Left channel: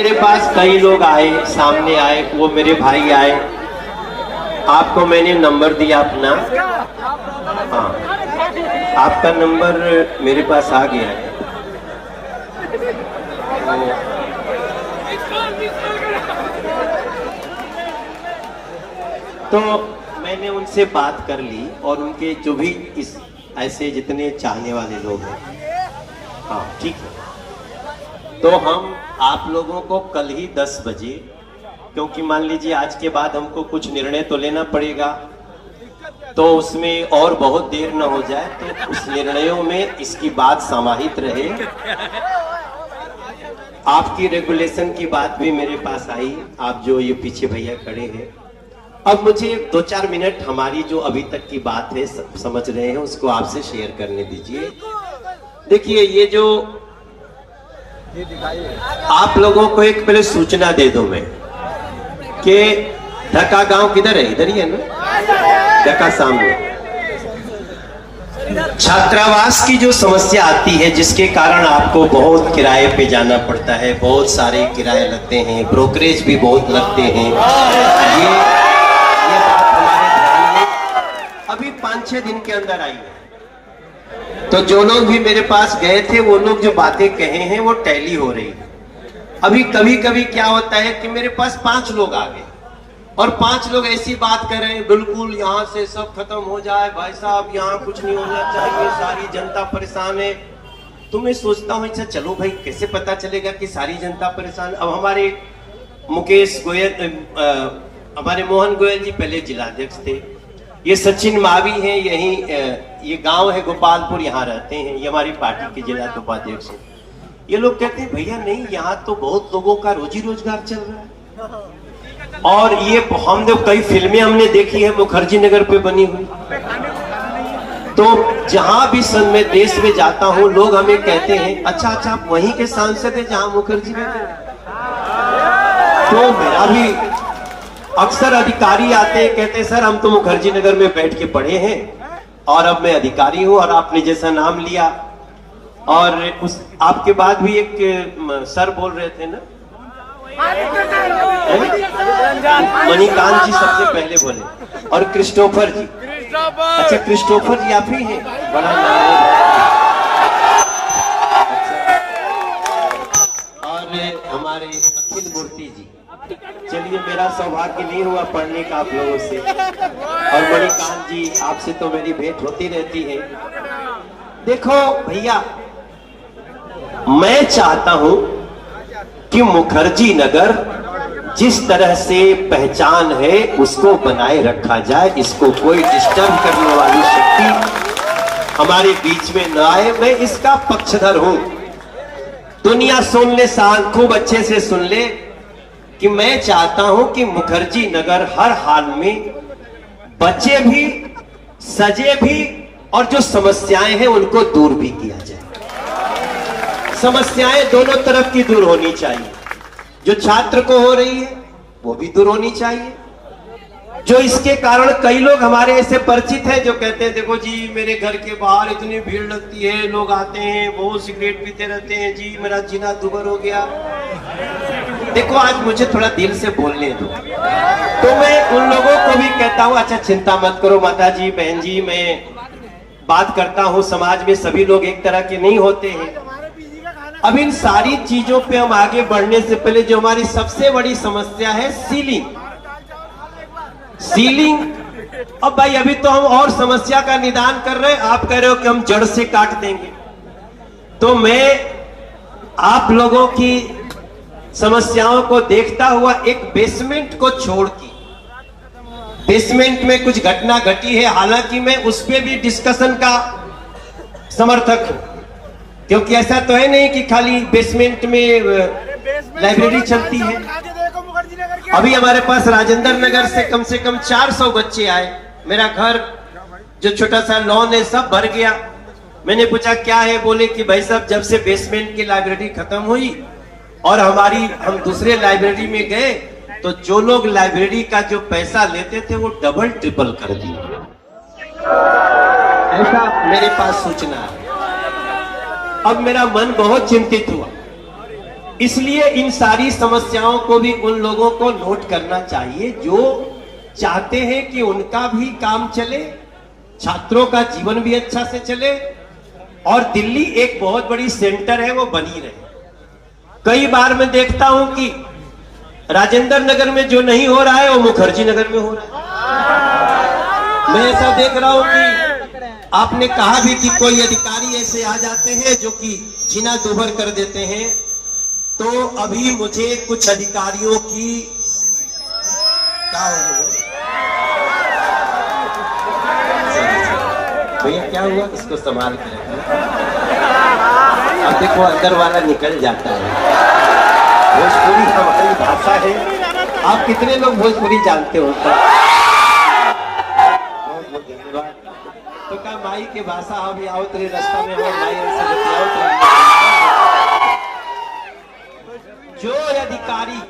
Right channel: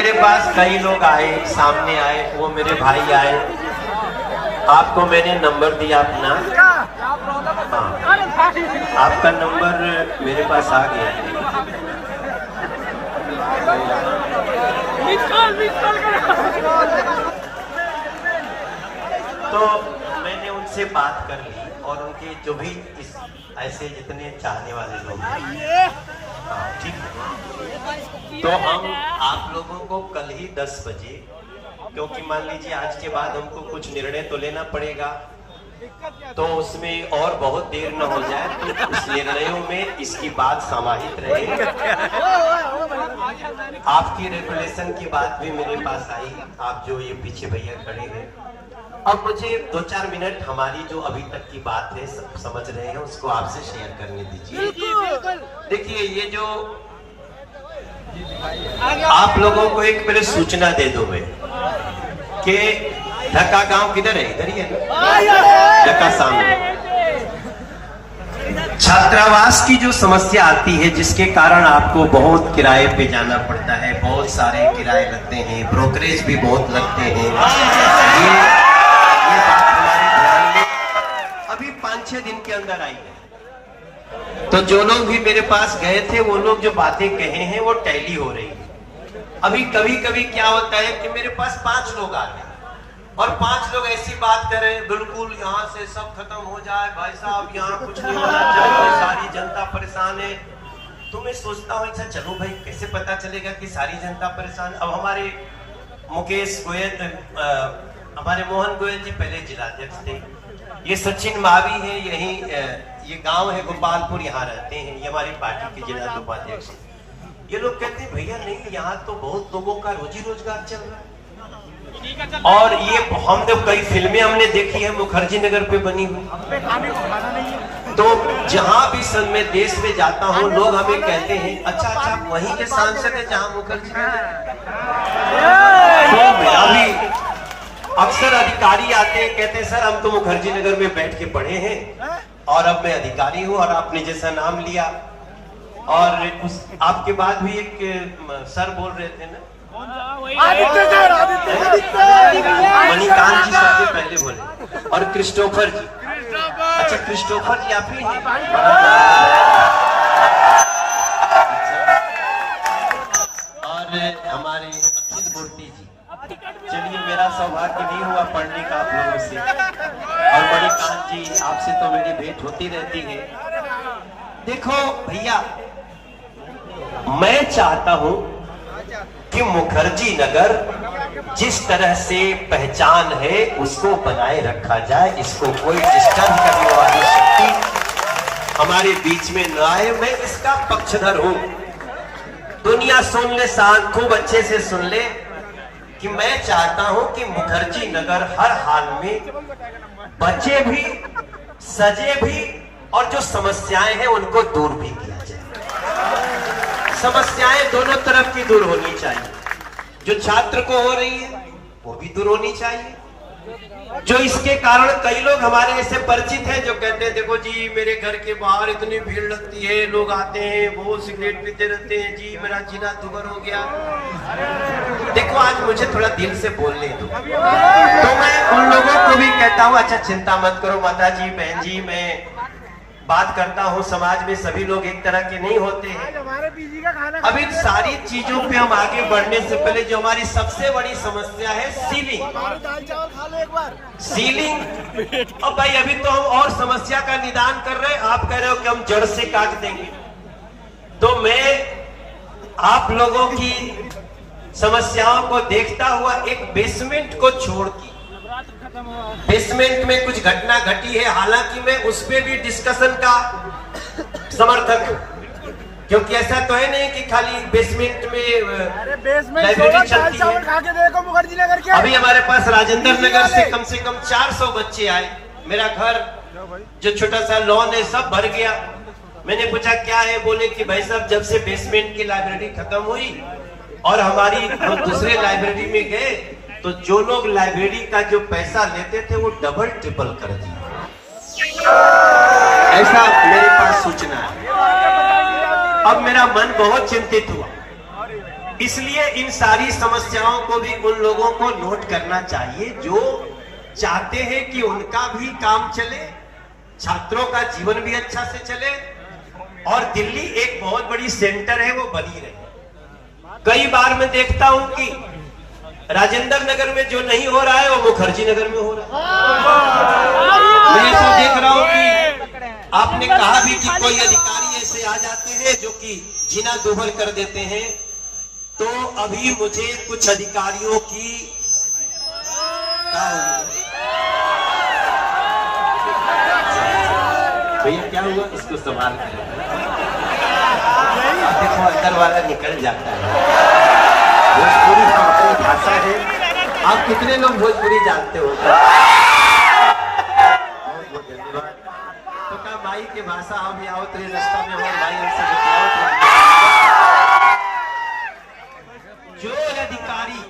मेरे पास कई लोग आए, सामने आए, वो मेरे भाई आए। आपको मैंने नंबर दिया अपना। हाँ, आपका नंबर मेरे पास आ गया है। तो मैंने उनसे बात कर ली और उनके जो भी इस ऐसे जितने चाहने वाले लोग हैं, हाँ ठीक है, तो हम आप लोगों को कल ही 10 बजे, क्योंकि मान लीजिए आज के बाद हमको कुछ निर्णय तो लेना पड़ेगा, तो उसमें और बहुत देर न हो जाए, तो उस निर्णयों में इसकी बात समाहित रहे। आपकी रेगुलेशन की बात भी मेरे पास आई, आप जो ये पीछे भैया खड़े हैं। अब मुझे 2-4 मिनट हमारी जो अभी तक की बात है, समझ रहे हैं, उसको आपसे शेयर करने दीजिए। देखिए, ये जो आप लोगों को एक पहले सूचना दे दो मैं कि ढका गांव किधर है? इधर ही है ना, ढका सामने। छात्रावास की जो समस्या आती है, जिसके कारण आपको बहुत किराए पे जाना पड़ता है, बहुत सारे किराए लगते हैं, ब्रोकरेज भी बहुत लगते हैं। ये बात हमारे ध्यान में अभी 5-6 दिन के अंदर आई है। तो जो लोग भी मेरे पास गए थे, वो लोग जो बातें कहे हैं वो टैली हो रही है। अभी कभी कभी क्या होता है कि मेरे पास 5 लोग आ गए और 5 लोग ऐसी बात कर रहे हैं, बिल्कुल यहाँ से सब खत्म हो जाए भाई साहब, यहाँ कुछ नहीं होना चाहिए, सारी जनता परेशान है। तो मैं सोचता हूँ, अच्छा चलो भाई, कैसे पता चलेगा कि सारी जनता परेशान? अब हमारे मुकेश गोयल, हमारे मोहन गोयल जी पहले जिलाध्यक्ष थे, ये सचिन मावी हैं, यही ये गांव है गोपालपुर, यहाँ रहते हैं, ये हमारी पार्टी के जिला उपाध्यक्ष हैं। ये लोग कहते हैं भैया नहीं, यहाँ तो बहुत लोगों का रोजी रोजगार चल रहा है, और ये हमने कई फिल्में हमने देखी है मुखर्जी नगर पे बनी हुई। तो जहां भी सन में देश में जाता हूँ, लोग हमें कहते हैं अच्छा आप वहीं के सांसद है जहां मुखर्जी नगर। तो अभी अक्सर अधिकारी आते हैं, कहते सर हम तो मुखर्जी नगर में बैठ के पढ़े हैं और अब मैं अधिकारी हूं, और आपने जैसा नाम लिया, और उस आपके बाद भी एक सर बोल रहे थे ना, मणिकांत जी सबसे पहले बोले, और क्रिस्टोफर जी। अच्छा, क्रिस्टोफर जी आप ही हैं, बड़ा नाम है। और हमारे अखिल मूर्ति जी। चलिए, मेरा सौभाग्य नहीं हुआ पढ़ने का आप लोगों से, और मणिकांत जी आपसे तो मेरी भेंट होती रहती है। देखो भैया, मैं चाहता हूं कि मुखर्जी नगर जिस तरह से पहचान है उसको बनाए रखा जाए, इसको कोई डिस्टर्ब करने वाली शक्ति हमारे बीच में न आए। मैं इसका पक्षधर हूं। दुनिया सुन ले, खूब अच्छे से सुन ले कि मैं चाहता हूं कि मुखर्जी नगर हर हाल में बचे भी, सजे भी, और जो समस्याएं हैं उनको दूर भी किया जाए। समस्याएं दोनों तरफ की दूर होनी चाहिए। जो छात्र को हो रही है वो भी दूर होनी चाहिए। जो इसके कारण कई लोग हमारे ऐसे परिचित हैं जो कहते हैं देखो जी, मेरे घर के बाहर इतनी भीड़ लगती है, लोग आते हैं, बहुत सिगरेट पीते रहते हैं जी, मेरा जीना दुबर हो गया। देखो, आज मुझे थोड़ा दिल से बोलने दो, तो मैं उन लोगों को भी कहता हूँ अच्छा चिंता मत करो माता जी, बहन जी, मैं बात करता हूँ, समाज में सभी लोग एक तरह के नहीं होते हैं। अब इन सारी चीजों पे हम आगे बढ़ने से पहले जो हमारी सबसे बड़ी समस्या है, सीलिंग। अब भाई अभी तो हम और समस्या का निदान कर रहे हैं, आप कह रहे हो कि हम जड़ से काट देंगे। तो मैं आप लोगों की समस्याओं को देखता हुआ एक बेसमेंट को छोड़ के, बेसमेंट में कुछ घटना घटी है, हालांकि मैं उस पर भी डिस्कशन का समर्थक हूं, क्योंकि ऐसा तो है नहीं कि खाली बेसमेंट में लाइब्रेरी चलती है। अभी हमारे पास राजेंद्र नगर से कम 400 बच्चे आए। मेरा घर जो छोटा सा लॉन है सब भर गया। मैंने पूछा क्या है, बोले कि भाई साहब जब से बेसमेंट की लाइब्रेरी खत्म हुई और हम दूसरे लाइब्रेरी में गए, तो जो लोग लाइब्रेरी का जो पैसा लेते थे वो डबल ट्रिपल कर दिया। ऐसा मेरे पास सूचना है। अब मेरा मन बहुत चिंतित हुआ इसलिए इन सारी समस्याओं को भी उन लोगों को नोट करना चाहिए जो चाहते हैं कि उनका भी काम चले, छात्रों का जीवन भी अच्छा से चले और दिल्ली एक बहुत बड़ी सेंटर है वो बनी रहे। कई बार मैं देखता हूं कि राजेंद्र नगर में जो नहीं हो रहा है वो मुखर्जी नगर में हो रहा है। मैं ऐसा देख रहा हूं कि आपने कहा भी कि कोई अधिकारी ऐसे आ जाते हैं जो कि जीना दूभर कर देते हैं, तो अभी मुझे कुछ अधिकारियों की भैया क्या हुआ, इसको संभाल के देखो अंदर वाला निकल जाता है। भोजपुरी का कोई भाषा है, आप कितने लोग भोजपुरी जानते हो? बहुत धन्यवाद। तो क्या माई की भाषा हम आओ तेरे रास्ते में हो माई ऐसे बतियाओ। जो अधिकारी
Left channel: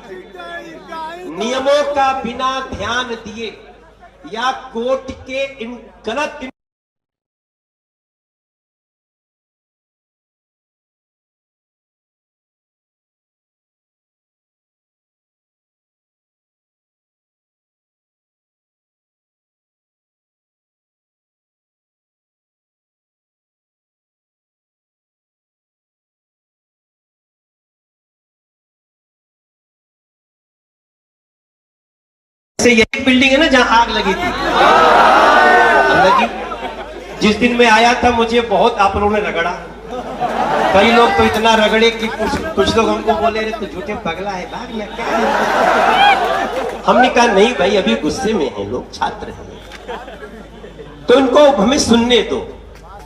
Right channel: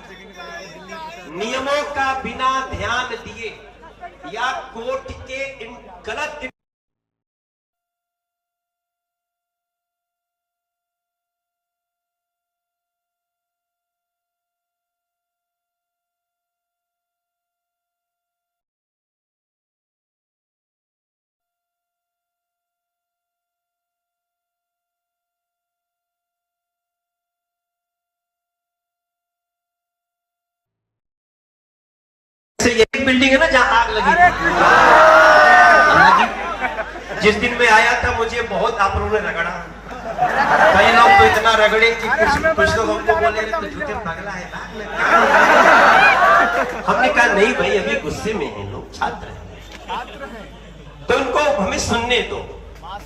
नियमों का बिना ध्यान दिए या कोर्ट के गलत ये बिल्डिंग है ना जहां आग लगी थी, जिस दिन मैं आया था मुझे बहुत आप लोगों ने रगड़ा। कई लोग तो इतना रगड़े कि कुछ लोग हमको बोले अरे तू झूठे पगला है यार, मैं क्या। हमने कहा नहीं भाई अभी गुस्से में है लोग, छात्र हैं तो उनको हमें सुनने दो।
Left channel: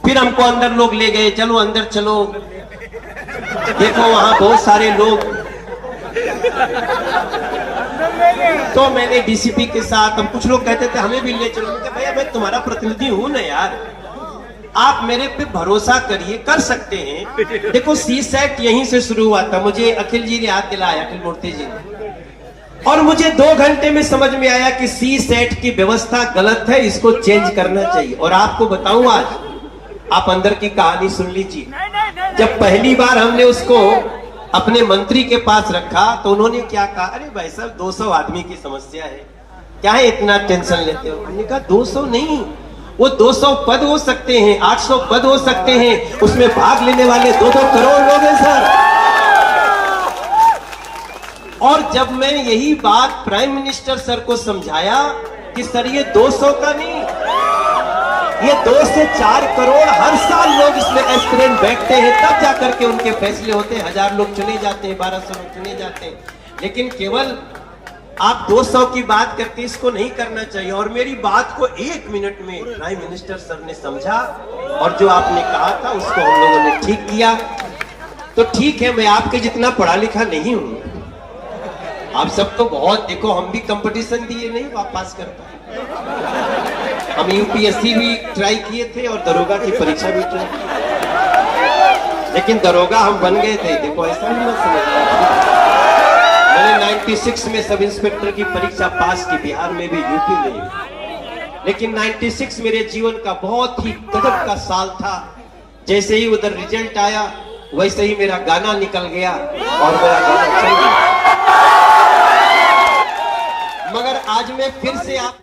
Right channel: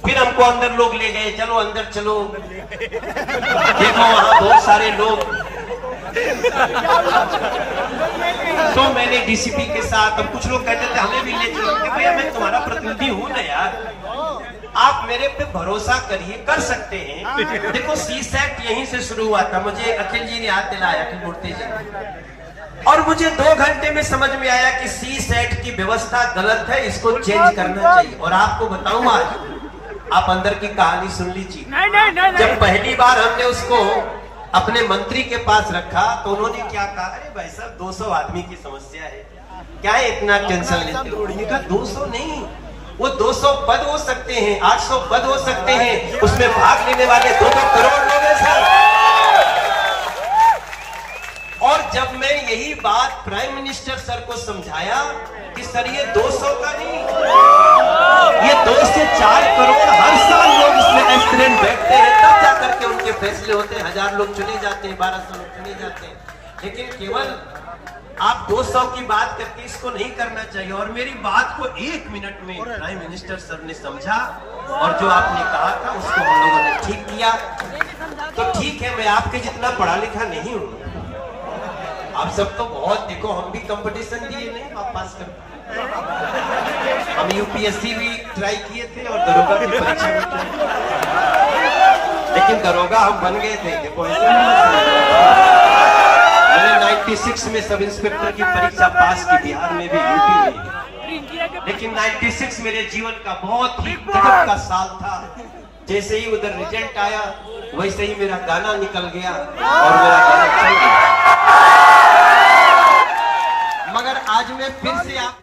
फिर हमको अंदर लोग ले गए, चलो अंदर चलो, देखो वहां बहुत सारे लोग। तो मैंने डीसीपी के साथ, हम कुछ लोग कहते थे हमें भी ले चलो, भैया मैं तुम्हारा प्रतिनिधि हूं ना यार, आप मेरे पे भरोसा करिए, कर सकते हैं। देखो सी सेट यहीं से शुरू हुआ था, मुझे अखिल जी ने याद दिलाया, अखिल मूर्ति जी ने, और मुझे 2 घंटे में समझ में आया कि सी सेट की व्यवस्था गलत है, इसको चेंज करना चाहिए। और आपको बताऊं आज आप अंदर की कहानी सुन लीजिए। जब पहली बार हमने उसको अपने मंत्री के पास रखा तो उन्होंने क्या कहा, अरे भाई साहब 200 आदमी की समस्या है, क्या है इतना टेंशन लेते हो? उन्होंने कहा 200 नहीं, वो 200 पद हो सकते हैं, 800 पद हो सकते हैं, उसमें भाग लेने वाले 2-2 करोड़ लोग हैं सर। और जब मैं यही बात प्राइम मिनिस्टर सर को समझाया कि सर ये 200 का नहीं, ये 2 से 4 करोड़ हर साल लोग इसमें एस्पिरेंट बैठते हैं, तब जाकर के उनके फैसले होते हैं। 1000 लोग चुने जाते हैं, 1200 लोग चुने जाते हैं, लेकिन केवल आप 200 की बात करके इसको नहीं करना चाहिए। और मेरी बात को 1 मिनट में प्राइम मिनिस्टर सर ने समझा और जो आपने कहा था उसको हम लोगों ने ठीक किया। तो ठीक है, मैं आपके जितना पढ़ा लिखा नहीं हूं, आप सब तो बहुत, देखो हम भी कंपटीशन दिए नहीं, वापस कर हम यूपीएससी भी ट्राई किए थे और दरोगा की परीक्षा भी ट्राई, लेकिन दरोगा हम बन गए थे। देखो ऐसा नहीं, मैंने 96 में सब इंस्पेक्टर की परीक्षा पास की, बिहार में भी, यूपी में भी। लेकिन 96 मेरे जीवन का बहुत ही गजब का साल था। जैसे ही उधर रिजल्ट आया वैसे ही मेरा गाना निकल गया और मेरा गाना चल गया। मगर आज मैं फिर से आप